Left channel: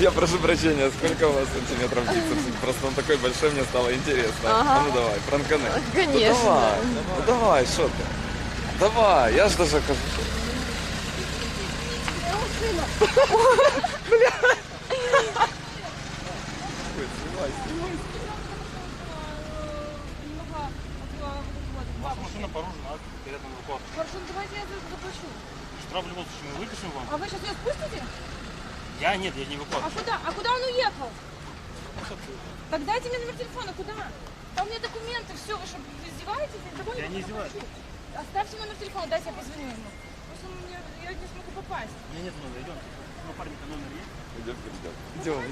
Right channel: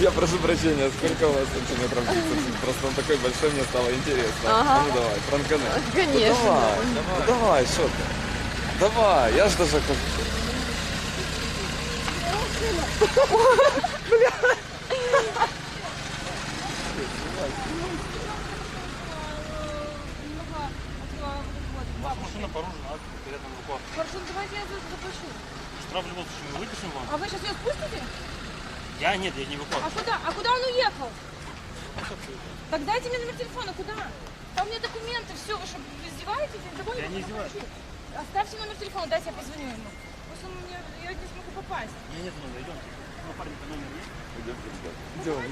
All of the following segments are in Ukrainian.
Я прошу прощения, сколько у вас сантиметров бицепс? Просто он такой большой, мне стало интересно. Ага. А ну давай, пранкани. Конечно. Ну давай, что ты? Давай, я ж даже кажу. Машина поружена, перед нами рукой. Хорошо, ну давайте я заплачу. Штраф в любом случае мы выпишем вам. А вы сейчас ее спустите? Нет, я не выплачу. А куда он уехал? Так дайте мне номер телефона, куда? Там у меня документы, все, вы что, издеваетесь? Я не издеваюсь. Оставьте номер телефона, дайте я позвоню ему. Просто я не смогу попасть. У меня нет номера, идемте. Ну, парень-то номер есть? Идем.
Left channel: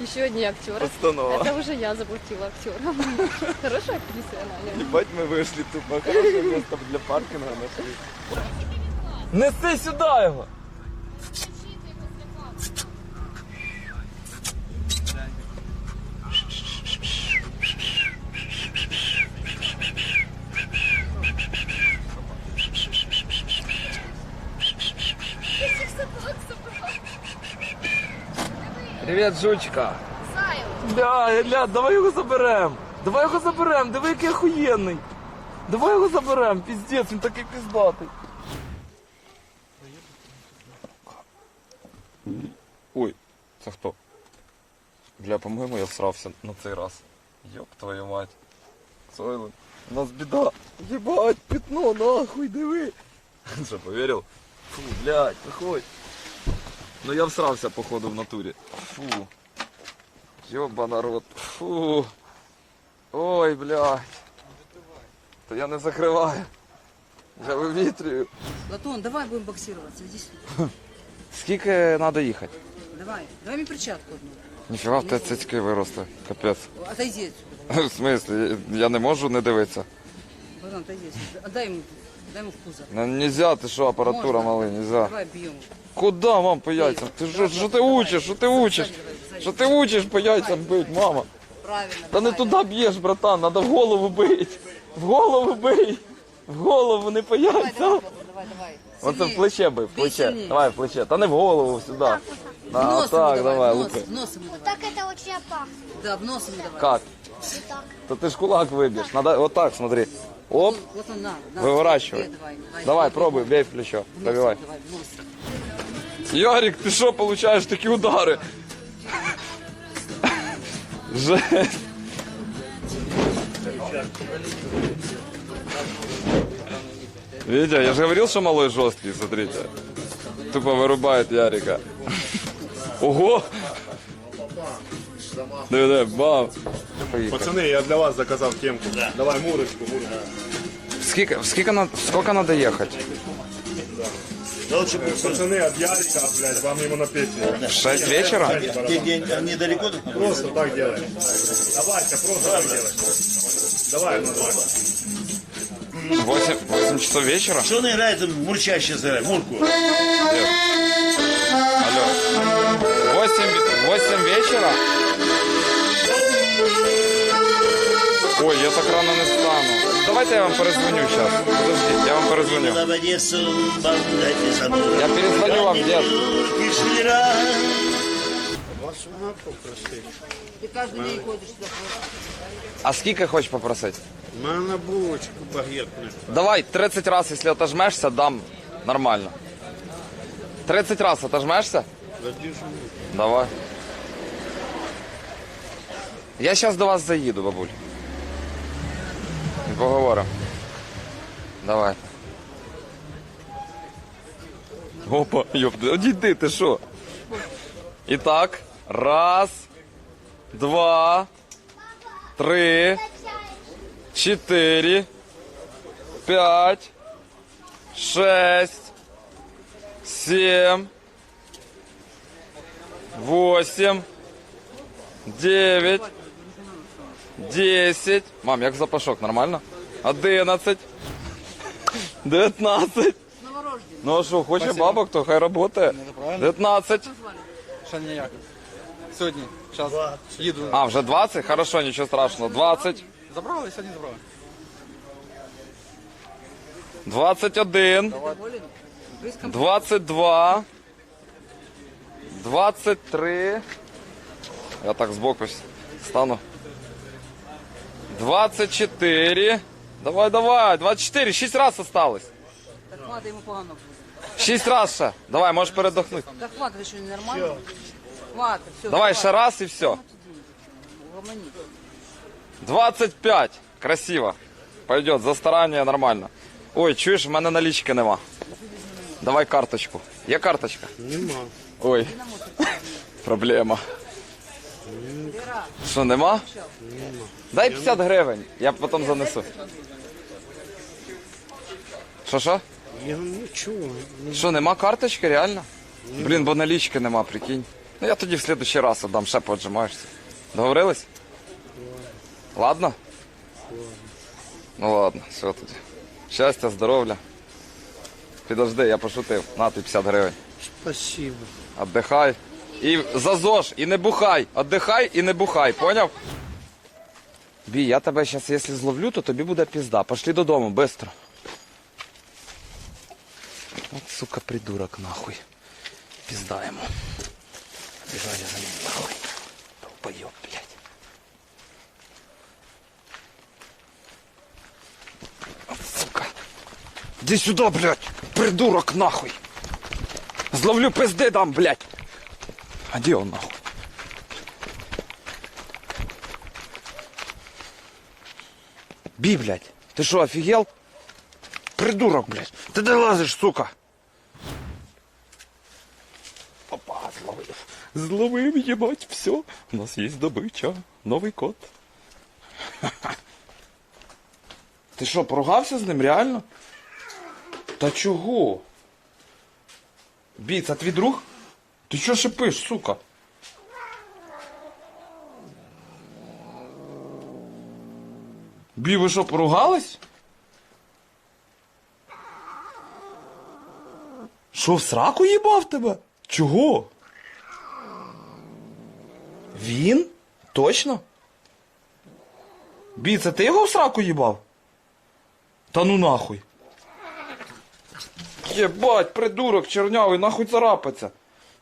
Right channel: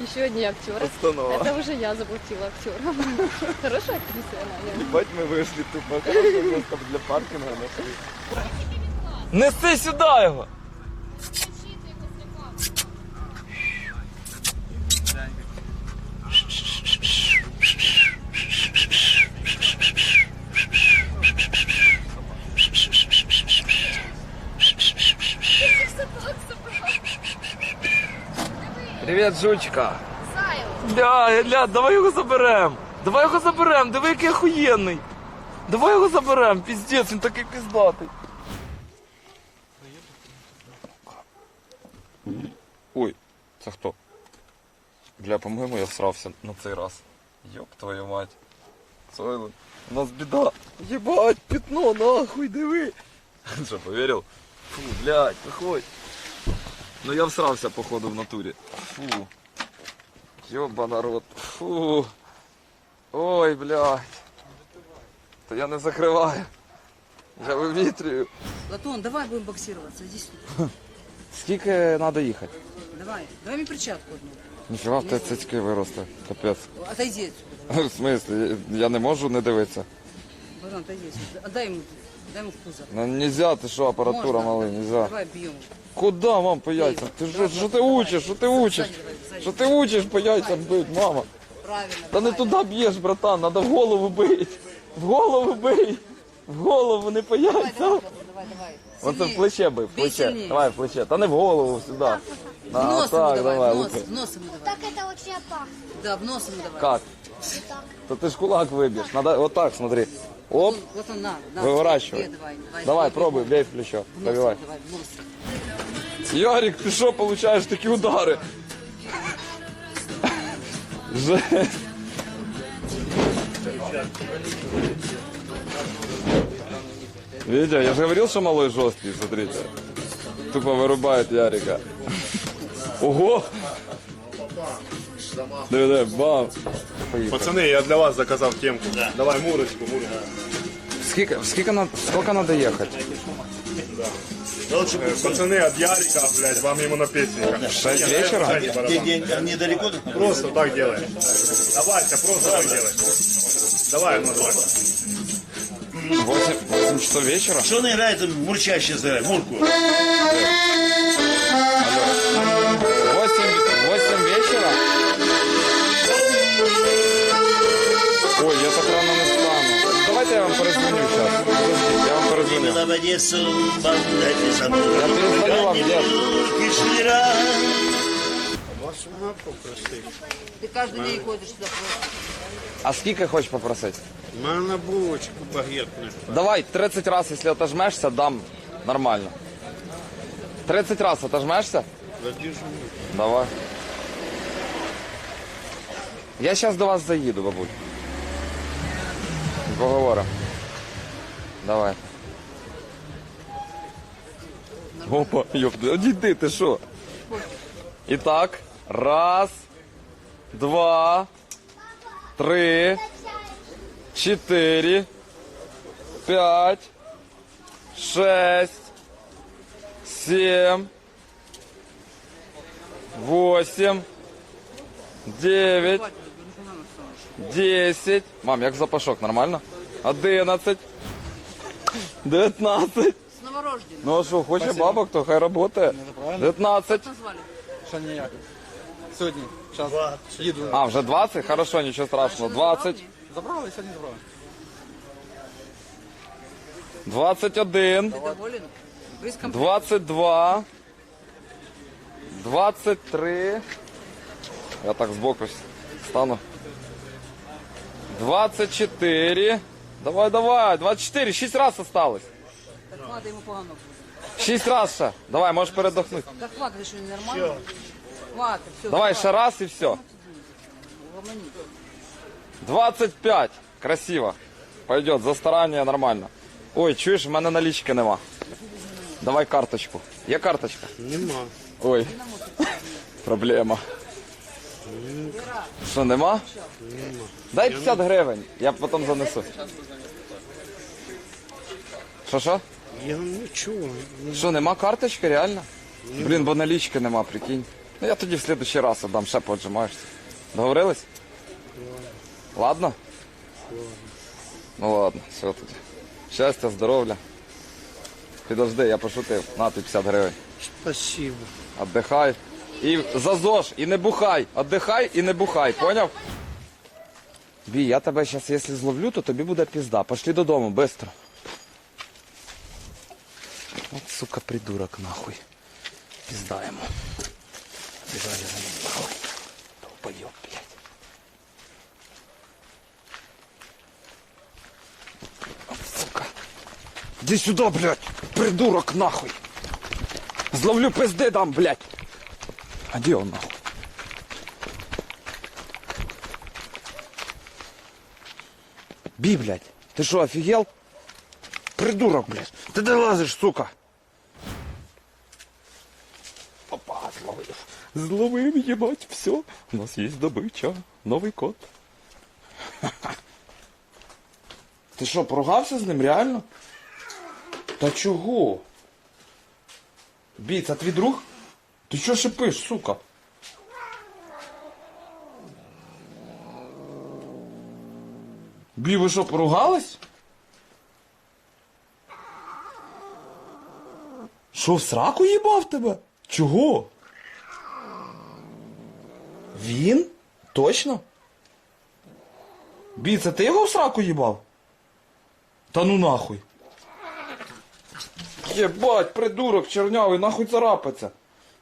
Еще одни актеры. Постанова. Это уже я заплатила актерам. Хорошая актриса она. Ебать, мы вышли тупо. Хорошее место для паркинга нашли. Неси сюди його! Привіт, жучка. Ля, давай його заберем. Давай його заберем, диви, який охуєнний. Давай його заберем, піздець, він такий піздатий. Ой, це хто? Бля, по-моєму, я всрався на цей раз. Йоп твою мать. Сойлен, у нас біда. Єбать, пятно, нахуй, диви. Що, повірив? Фу, блядь, виходь. Ну я всрався, походу, в натурі. Фу. Йоба народ. Фу. Ой, блядь. Та я не закриваю. Я вивітрюю. Платон, давай будем боксироваться, иди сюда. Скільки треба їхати? Давай мне перчатку одну. Ніфіга в тебе цицьки виросли. Капець. Отойди отсюда. В смислі? Я не можу не дивитися. Платон, отойди отсюда. Отдай ему в пузо. Ну нельзя, ти що, апаратура Можно? малий, нельзя. Давай бьем. Куда, мам, по яйцям? Ти що ти учиш? Що ти учиш? Що ти учиш по яйцям бить, мама? Правильно. Та не туди б'єш, братан, треба в голову бить. В голову бий. В голову, не по Давай, яйцям. давай. Оце в плече бий, в Бей плече. сильнее. Давай в плече. Та не в голову, сюди. В А, нос так, ему давай, давай, в лупи. нос ему давай. Так это очень опасно. Да, в нос ему давай. Как? Так. То ти ж кулак виб'єш. Надо вот так, смотри. Оп, Вот он, на. виворачивай. Бей, давай. Давай, пробуй, бей в плечо. В нос Пробивай. ему давай, в нос. Ярик, ти що получаєш такі удари? Жесть. Видите, я же говорил, что малой жесткий, смотрите. Тупо вырубает Ярика. Ого! Давай, бам! Пацаны, я для вас заказал темку. Давай мурочку. Сколько надо ехать? Пацаны от Ярика, блядь, вам ему на песню. В 6 вечера? Недалеко? Просто так делай. Давайте, просто так делай. Давай, ну давай. 8 часов вечера? Что он играет, мурчаще играет, мурку? Алло. 8 вечера? Ой, я так рано не встану. Давайте я вам перезвоню сейчас. Подождите, я вам перезвоню. Я перезвоню вам, дед. Ты каждый день ходишь сюда. А скільки хочеш попросити? Мана булочку багет. Давай 30 раз, если отожмешься, дам нормально. 30 раз отожмешься? Давай. Я сейчас до вас заїду, бабуль. Поговоримо. Давай. Опа, ёпта, одійди, ти що? І так, раз, два, три, 4, 5, 6, 7, 8, 9, 10. Мам, як запашок, нормально? 11, 19. С новорожденным. Ну а що, хоче бабок, то хай работає. 19. Ще ніяк. Сьогодні, зараз їду. А, вже 20? Хорошо, нічого страшного. 20. Забрали, сьогодні забрали. 21. Доволен? Близко. 22. 23. Я так сбоку стану. 24. Давай, давай. 24. 6 раз осталось. Так хватит, ему погано будет. 6 раз ще. Давай, можешь передохнуть. Так хватит, что нормально. Хватит, все. Давай ще раз и все. 25. Красиво. Пойдет, за старання нормально. Ой, чуєш, в мене налічки нема. Давай карточку. Є карточка? Нема. Ой. Проблема. Що, нема? Дай 50 гривень, я потім занесу. Що? Я нічого. Що, нема карточки, реально? Блін, бо налічки нема, прикинь. Ну я тоді в следующий раз отдам, ще поджимаєшся. Договорились? Ладно? Ну ладно, все тоді. Щастя, здоров'я. Підожди, я пошутив. На тобі 50 гривень. Спасибо. Отдихай. І за ЗОЖ, і не бухай. Отдихай і не бухай, поняв? Бій, я тебе зараз, якщо зловлю, то тобі буде пізда. Пошли додому, швидко. От, сука, придурок, нахуй. Пізда йому. Бігай за ним, нахуй. Долбойоб, блядь. От, сука. Іди сюди, блядь. Придурок, нахуй. Зловлю, пизди дам, блядь. А где он, нахуй? Би, блядь. Ты что, офигел? Придурок, блядь. Ты где лазишь, сука? Опа, зловив. Зловив, ебать, все. У нас есть добыча. Новый кот. Ти що, поругався з ним, реально? Та чого? Бій, це твій друг? Ти що шипиш, сука? Бій, ви що, поругались? Що, в сраку їбав тебе? Чого? Він? Точно? Бій, це ти його в сраку їбав? Та ну нахуй. Єбать, придурок чернявий, нахуй царапаться.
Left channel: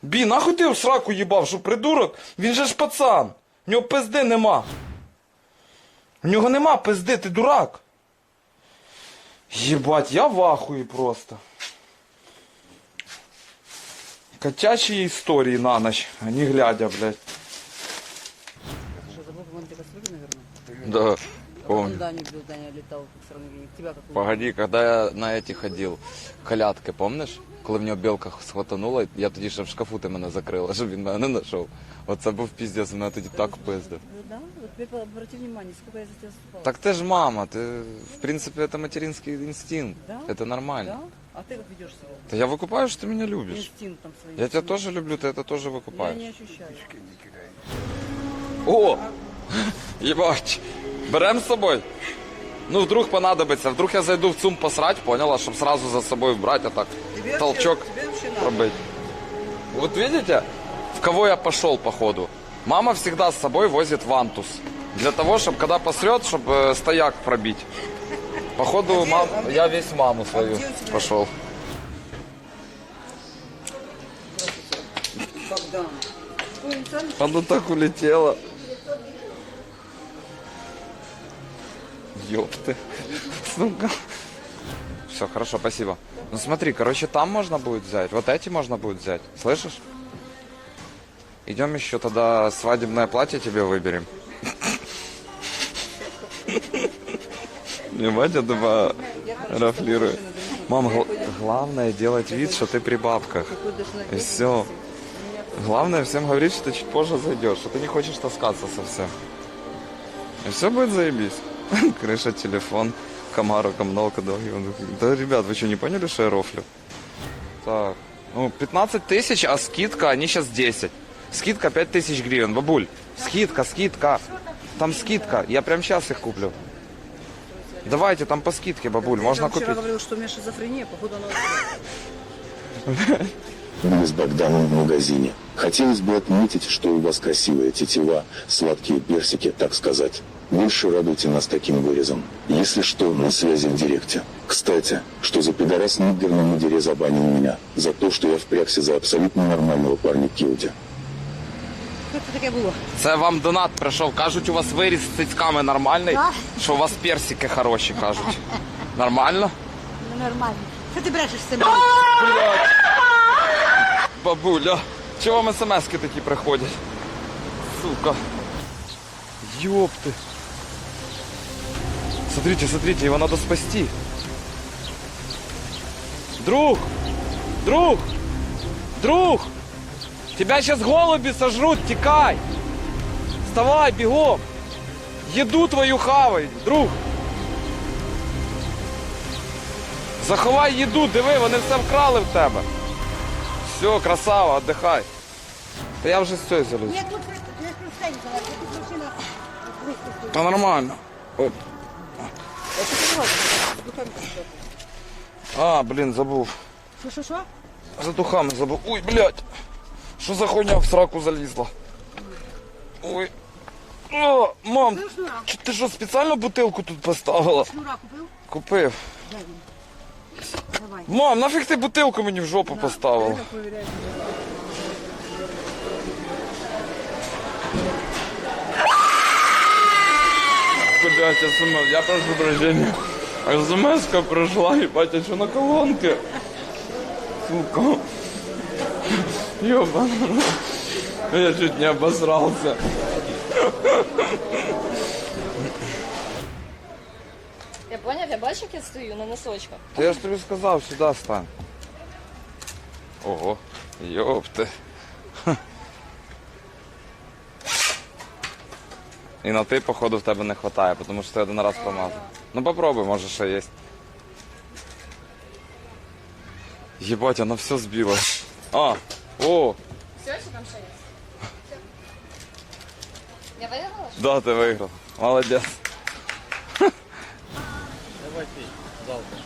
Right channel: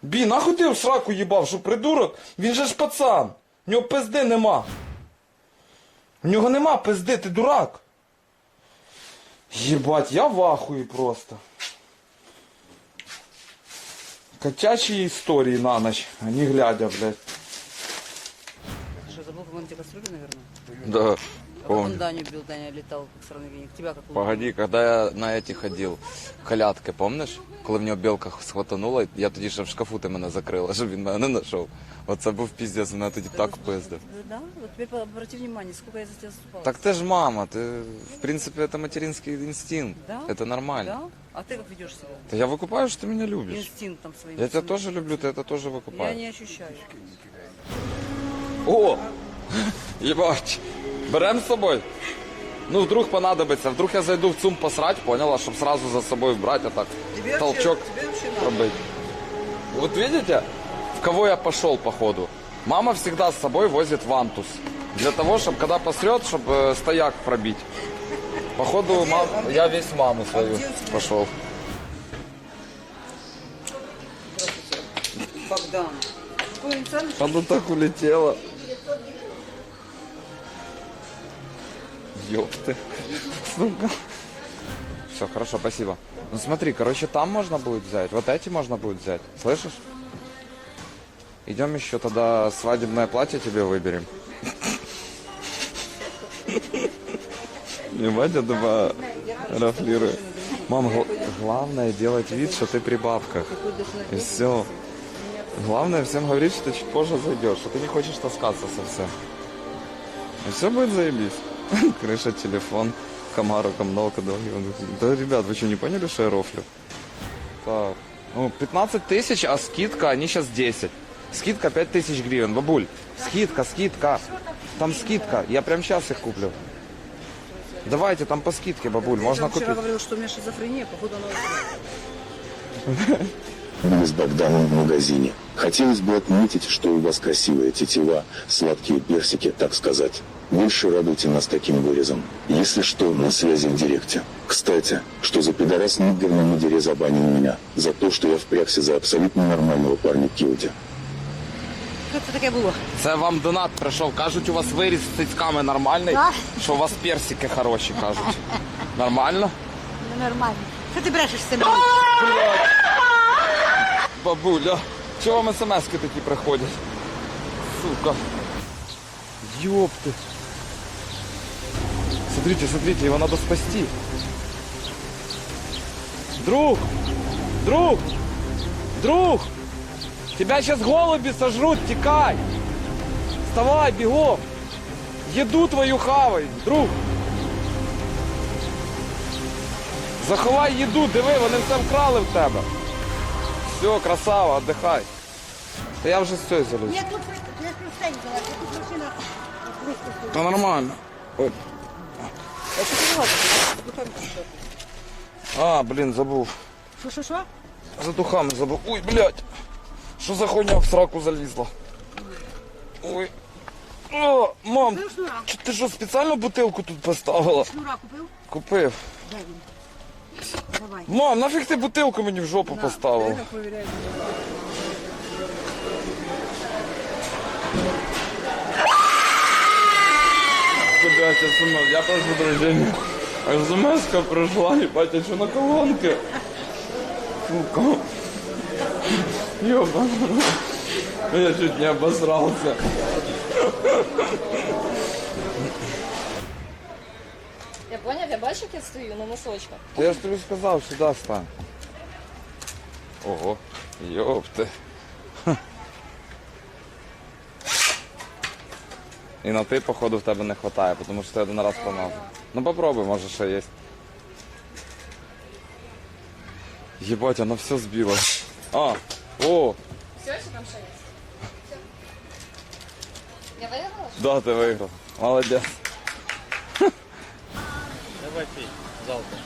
Бі, нахуй ти в сраку їбав, що придурок? Він же ж пацан. В нього пизди нема. В нього нема пизди, ти дурак. Єбать, я в ахуї просто. Котячі історії на ніч, а не глядя, блядь. Что, забыл, по-моему, тебя кастрюли, наверное? Да, Он помню. Даню бил, Даня летал, как сорновик. Тебя как Погоди, когда я на эти ходил, колядки, помниш? Коли в нього білка схватанула, я тоді ще в шкафу ти мене закрила, щоб він мене не знайшов. Оце був піздець, мене тоді так пиздив. Да? Вот теперь обрати внимание, сколько я за тебя заступала. Так ти ж мама, ти, в принципі, это материнский инстинкт, Да? это нормально. Да? А ты как ведешь себя? Да я выкупаю, что ты меня любишь. Инстинктом своим. Я тебя тоже люблю, ты это тоже Я выкупаешь. не ощущаю. О! Ебать! Берем с собой? Ну, вдруг понадобится. Вдруг я зайду в ЦУМ посрать, поняла, чтобы сразу за собой брать, а так толчок пробыть. Вот видите, в кого я пошел, походу? Мама всегда с собой возит вантус. Для того, чтобы когда посрет, чтобы стояк пробить. Походу, я весь маму свою пошел. Богдан. Какой инициальный? Оно так улетело. Ёпты. Сука. Все, хорошо, спасибо. Ну смотри, короче, там можно будет взять. Вот эти можно будет взять. Слышишь? Идем еще тогда свадебное платье тебе выберем. Не Вадя два рафлирует. Мам, главное делать вид, что ты при бабках. И все. Главное всем говорить, что ты чуть позже зайдешь, что ты не хочешь таскаться совсем. И все будет заебись. Крыша, телефон, Камару, коммуналка, долги. Да, ребят, вы что, не поняли, что я рофлю? Так, ну, 15 тысяч, а скидка, они сейчас 10. Скидка 5 тысяч гривен. Бабуль, скидка. Там скидка, я прям сейчас их куплю. Давайте, там по скидке, бабуль, можно Я купить. вчера говорил, что у меня шизофрения, походу она... были с Богданом в магазине. Хотелось бы отметить, что у вас красивая тетива, сладкие персики, так сказать. Больше радуйте нас таким вырезом. Если что, на связи в директе. Кстати, что за пидорас нигер на мудере забанил меня за то, что я впрягся за абсолютно нормального парня Килди. Що це таке було? Це вам донат прийшов. Кажуть, у вас виріс з цицьками нормальний, Так. що у вас персики хороші, кажуть. Нормально? Нормально. Що ти брешеш з цим? Бабуля, чого вам смс-ки такі приходять? Сука. Ёпты. Смотрите, смотрите, его надо спасти. Друг! Друг! Друг! Тебя сейчас голуби сожрут, текай! Вставай, бегом! Еду твою хавай, друг! Заховай їду, диви, вони все вкрали в тебе. Все, красава, отдихай. Та я вже з цієї заліз. Я тут все взяла, тут машина просто. Та нормально. Оп. А, блін, забув. Що? За духами забув. Ой, блядь. Що за хуйня в сраку залізла? Ой. О, мам, Купив шнура? ти що, спеціально бутилку тут поставила? Шнура купив? Купив. Дай він. Давай. Мам, нафіг ти бутилку мені в жопу поставила? Провіряй. Блять, СМС, я прошу прощения. СМС-ка пришла, ебать, а что на колонке? Сука. Ёбаный. Я чуть не обосрался. Я поняв, я бачу, як я стою на носочках. Да я ж тобі сказав, сюди стань. Ого, ёпты. І на ти, походу, в тебе не хватає, тому що ти один раз помазав. Ну попробуй, може ще є. Єбать, вона все збила. А, о, Все, чи там ще є? Я виграла? да, ти виграв. Молодець. Давай пей, залпом.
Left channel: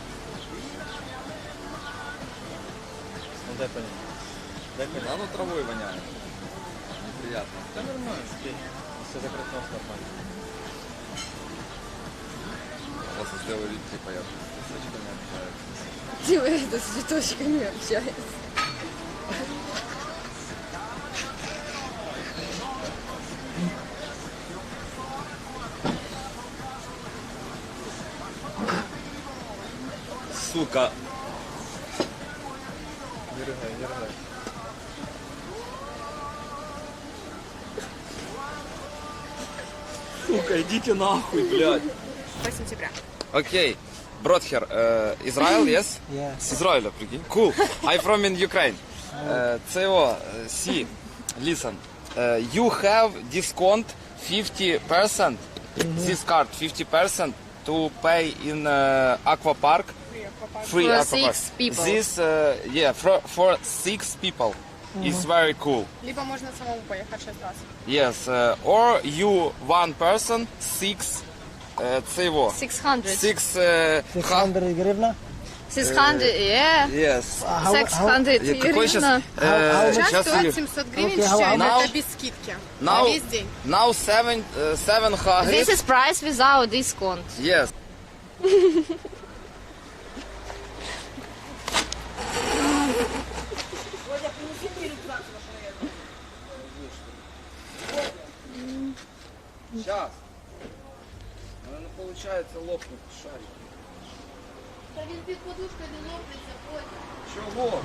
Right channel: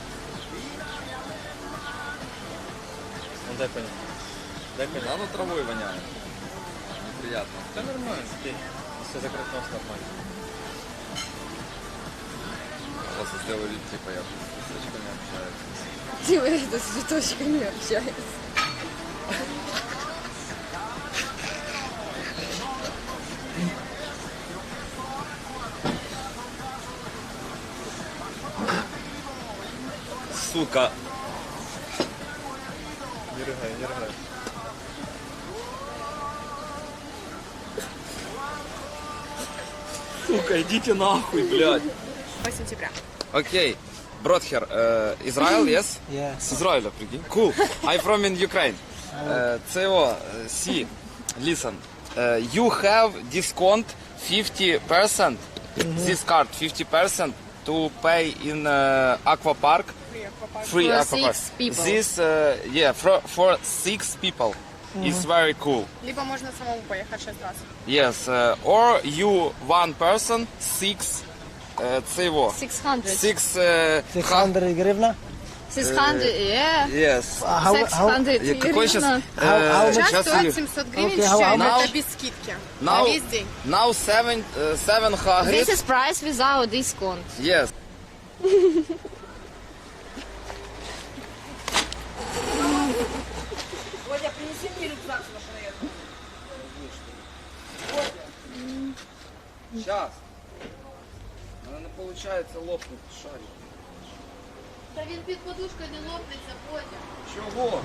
Ну дай понять. Дай понять. Оно травой воняє. Неприятно. Да нормально, пей. Все закрыт нос нормально. Просто сделаю вид, типа я с цветочками общаюсь. Диви, это с цветочками общается. Сука. Не рыгай, не рыгай. Сука, идите нахуй, блядь. 8 сентября. Окей. Бродхер, Израиль, yes? Yeah. С Израиля, прикинь. Cool. I'm from in Ukraine. CO, see, listen. You have discount 50%. This card 50% to pay in Aqua Park. Free For Aqua Park. 6 people. This, yeah, for 6 people. It's very cool. Либо можно самому поехать 6 раз. Yes, or you one person 6 цего. 600. 600 гривна? 600, yeah. Yes. 600 Какой сейчас? гривна. Сейчас стоит 700 гривен Okay, с how чаем, much? это без скидки. Now, На весь день. now 700. This is price without discount. Yes. Сейчас. Но не получается лопнуть шарик. Та він під подушкою не лопнеться потім. Чого?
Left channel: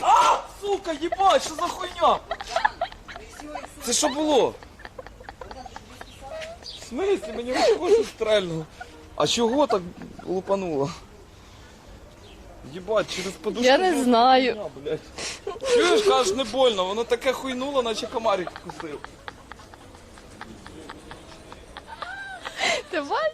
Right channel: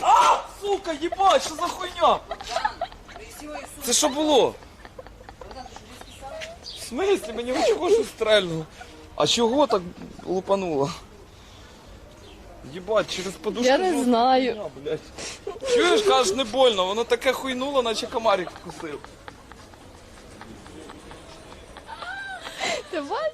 А, сука, ебать, що за хуйня? Це що було? В смысле? Мені нічого що стрельнуло. А чого так лупануло? Єбать, через подушку. Я не жовта знаю. хуйня, блядь. Чуєш, кажеш, не больно, воно таке хуйнуло, наче комарик вкусив. Ти бачиш?